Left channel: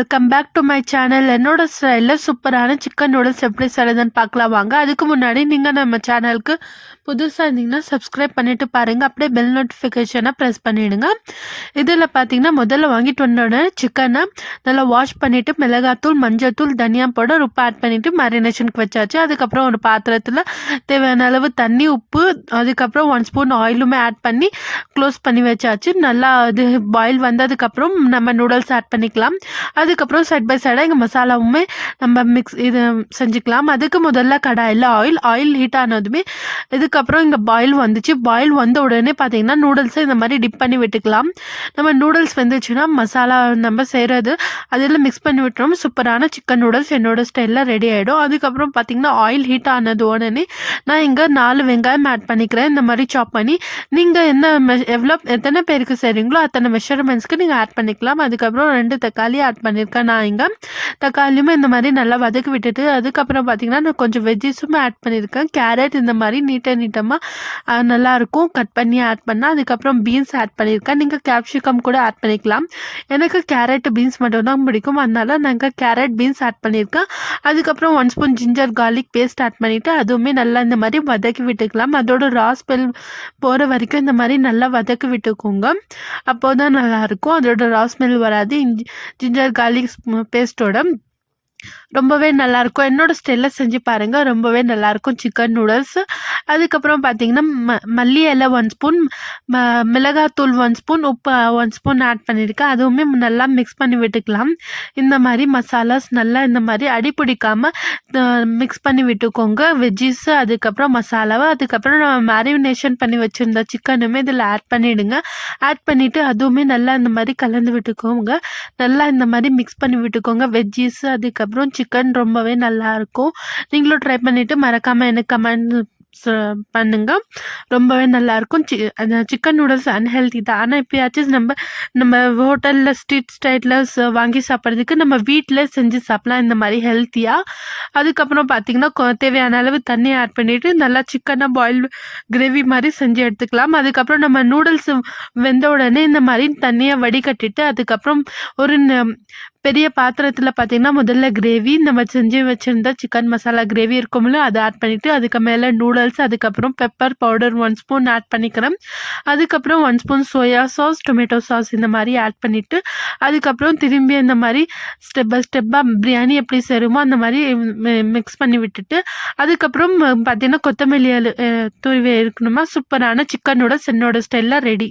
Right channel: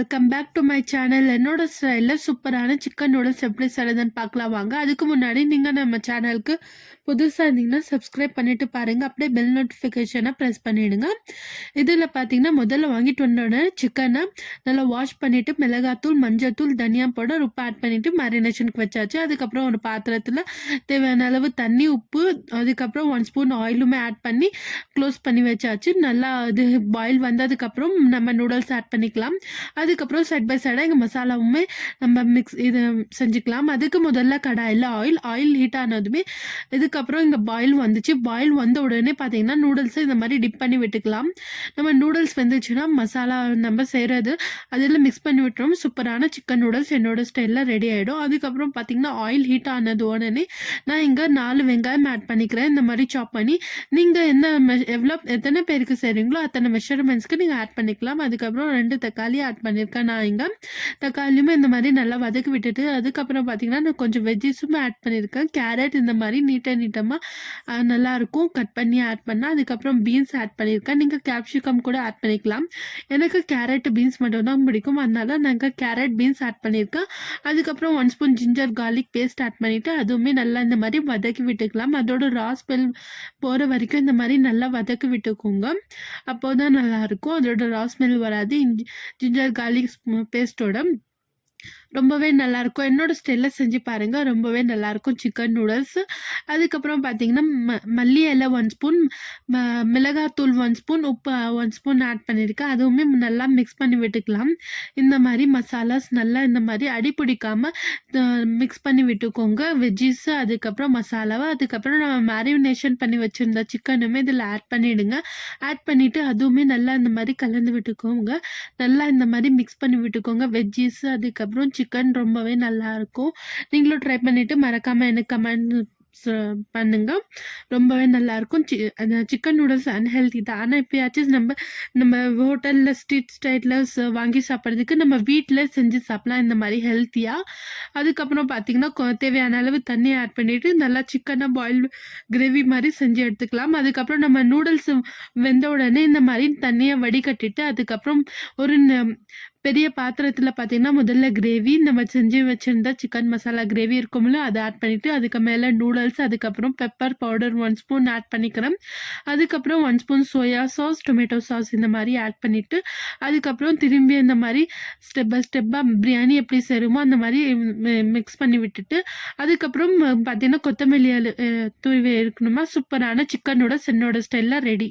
Welcome back to my channel. என்னோட ஸ்டைலில் சூப்பரான சிக்கன் நூடுல்ஸ் எப்படி செய்கிறதுன்னு பார்க்கலாம் வாங்க. அதுக்கு முன்னாடி நீங்கள் நம்ம சேனலுக்கு புதுசாக இருந்தீங்கன்னா சப்ஸ்கிரைப் பண்ணிவிட்டு பாருங்கள். அப்படியே பெல் நோட்டிஃபிகேஷனை ப்ரெஸ் பண்ணிவிடுங்க. இதில் பார்த்தீங்கன்னா முதல்ல வாங்கிட்டு வந்தோடனே சிக்கனை நல்லா வாஷ் பண்ணிவிட்டு மிளகாத்தூள், மஞ்சள்தூள், தனியா பவுடர், உப்பு ஆட் பண்ணிவிட்டு மேரினேஷனுக்கு வச்சாச்சு. அதுக்கப்புறம் ஒரு பாத்திரத்தில் தேவையான அளவு தண்ணி, உப்பு, அதுக்கப்புறம் 1 ஸ்பூன் ஆயிலுமே ஆட் பண்ணி க்ளோஸ் பண்ணி வச்சாச்சு. நல்லா அது பாயில் வந்ததுக்கப்புறம் நம்ம நூடுல்ஸ் ஆட் பண்ணிக்கலாம். அதுக்கப்புறம் சைட் பை சைடாக எங்கள் மசாலாவுமே நம்ம இது செஞ்சுக்கலாம். அதுக்கு முதல்ல கடாயில் ஆயில் ஹீட் ஆனதுமே இதுக்கப்புறம் இங்கே பாயில் வந்துச்சு. பாயில் வந்த உடனே பார்த்தீங்கன்னா நூடுல்ஸை இந்த மாதிரி டிப் பண்ணி விட்டுக்கலாம். நம்ம நூடுல்ஸ் வந்துச்சுன்னா மசாலா நம்ம செய்கிறது அதில் மிக்ஸ் பண்ணி விட்டுறோம். சூப்பரான சிக்கன் நூடுல்ஸ் என்னோட ஸ்டைலில் ரெடி ஆகிடும். அதுக்கப்புறம் பார்த்தீங்கன்னா ஆயில் ஹீட் ஆனது உடனே நான் இங்கே 4 வெங்காயம் ஆட் பண்ணிக்கிறேன். இந்த மாதிரி சாப் பண்ணி நீங்கள் எத்தனை பேருக்கு செய்கிறீங்களோ அத்தனை மெஷர்மெண்ட்ஸ்க்கு நீங்கள் ஆட் பண்ணிக்கலாம். அதுக்கப்புறம் 2 தக்காளி ஆட் பண்ணியிருக்கேன். நான் இங்கே தக்காளியுமே இந்த மாதிரி நல்லா வதக்கி விட்டுட்டு அதுக்கப்புறம் பார்த்தீங்கன்னா நான் கொஞ்சம் வெஜ்ஜஸுமே ஆட் பண்ணியிருக்கேன். கேரட் இந்த மாதிரி நீட்டமாக நல்லாயிருக்கும் கட் பண்ணி ஆட் பண்ணால். அதுக்கப்புறம் பீன்ஸ் ஆட் பண்ணியிருக்கேன். நீங்கள் கேப்சிகம் கூட ஆட் பண்ணிக்கலாம். எனக்கு கேரட் பீன்ஸ் மட்டும் தான் பிடிக்கும், அதனால நாங்கள் கேரட் பீன்ஸ் ஆட் பண்ணியிருக்கேன். அதுக்கப்புறம் 1 spoon ginger garlic paste add பண்ணிவிட்டு அதுவுமே நல்லா இந்த மாதிரி வதக்கி விட்டுக்கலாம். அதோட ரா ஸ்மெல் போகிற வரைக்கும் இந்த மாதிரி நல்லா வதக்கி விட்டுக்கோங்க. அப்போ தான் நல்லாயிருக்கும், அதோட ரா ஸ்மெல் வராது. ஜிஞ்சர் கார்லிக் பேஸ்ட்டோட ரொம்பவே நல்லாயிருக்கும். என்னோடய ஸ்டைலில் செஞ்சு பாருங்கள், ரொம்பவே நல்லாயிருக்கும் சிக்கன் நூடுல்ஸ். அதுக்கப்புறம் பார்த்தீங்கன்னா மல்லி இலை 1 ஸ்பூன், மிளகாத்தூள் 1 ஸ்பூன், உப்பு 1 ஸ்பூன் ஆட் பண்ணியிருக்கேன். அதுவுமே நல்லா மிக்ஸ் பண்ணி விட்டுக்கலாம். இந்த மாதிரி மசாலாஸ் நல்லா இந்த மாதிரி அடி பிடிக்காமல் மிக்ஸ் பண்ணி விட்டுக்கோங்க வெஜ்ஜீஸு. அதுக்கப்புறம் மசாலாவை அதுக்கப்புறம் நம்ம மேரினேஷன் பண்ணி வச்சுருந்த சிக்கனுமே இதில் ஆட் பண்ணிவிடுங்க. ஆட் பண்ணிவிட்டு அதுவுமே நல்லா இந்த மாதிரி கலந்து விட்டுக்கோங்க. நல்லா இந்த மாதிரி மிக்ஸ் பண்ணி விட்டுக்கோங்க வெஜ்ஜீஸு. அதுக்கப்புறம் சிக்கன் ரொம்பவே நல்லாயிருக்கும். நீங்களும் ட்ரை பண்ணிவிட்டு மறக்காமல் எனக்கு கமெண்ட் பண்ணுங்க. ரொம்பவே நல்லாயிருக்கும். அந்த சிக்கன் நூடுல்ஸ் அன்ஹெல்தி தான், ஆனால் எப்பயாச்சும் நம்ம ஹோட்டலில் ஸ்ட்ரீட் ஸ்டைலில் வாங்கி சாப்பிட்றதுக்கு நம்ம வீட்டில் செஞ்சு சாப்பிட்லாம் இந்த மாதிரி ஹெல்த்தியாக. அதுக்கப்புறம் பார்த்திங்கன்னா தேவையான அளவு தண்ணி ஆட் பண்ணிவிட்டு நல்லா சிக்கனை பாயில் கிரேவி மாதிரி செஞ்சு எடுத்துக்கலாம். அதுக்கப்புறம் நம்ம நூடுல்ஸ் வெந்த உடனே இந்த மாதிரி தண்ணியை வடிகட்டிட்டு அதுக்கப்புறம் ஒரு பெரிய பாத்திரத்தில் பார்த்திங்கன்னா முதல்ல கிரேவி நம்ம செஞ்சு வச்சுருந்த சிக்கன் மசாலா கிரேவி இருக்கும்ல அதை ஆட் பண்ணிவிட்டு அதுக்கு மேலே நூடுல்ஸ், அதுக்கப்புறம் பெப்பர் பவுடர் 1 ஸ்பூன் ஆட் பண்ணிக்கிறேன். அதுக்கப்புறம் 1 spoon soya sauce, tomato sauce இந்த மாதிரி ஆட் பண்ணிவிட்டு அதுக்கப்புறம் திரும்பி இந்த மாதிரி ஸ்டெப் பை ஸ்டெப்பாக பிரியாணி எப்படி செய்கிறோமோ அந்த மாதிரி மிக்ஸ் பண்ணி விட்டுட்டு அதுக்கப்புறம் பார்த்திங்கன்னா கொத்தமல்லி துருவி இருக்கணுமா. சூப்பரான சிக்கன் நூடுல்ஸ் என்னோட ஸ்டைலில் ரெடி.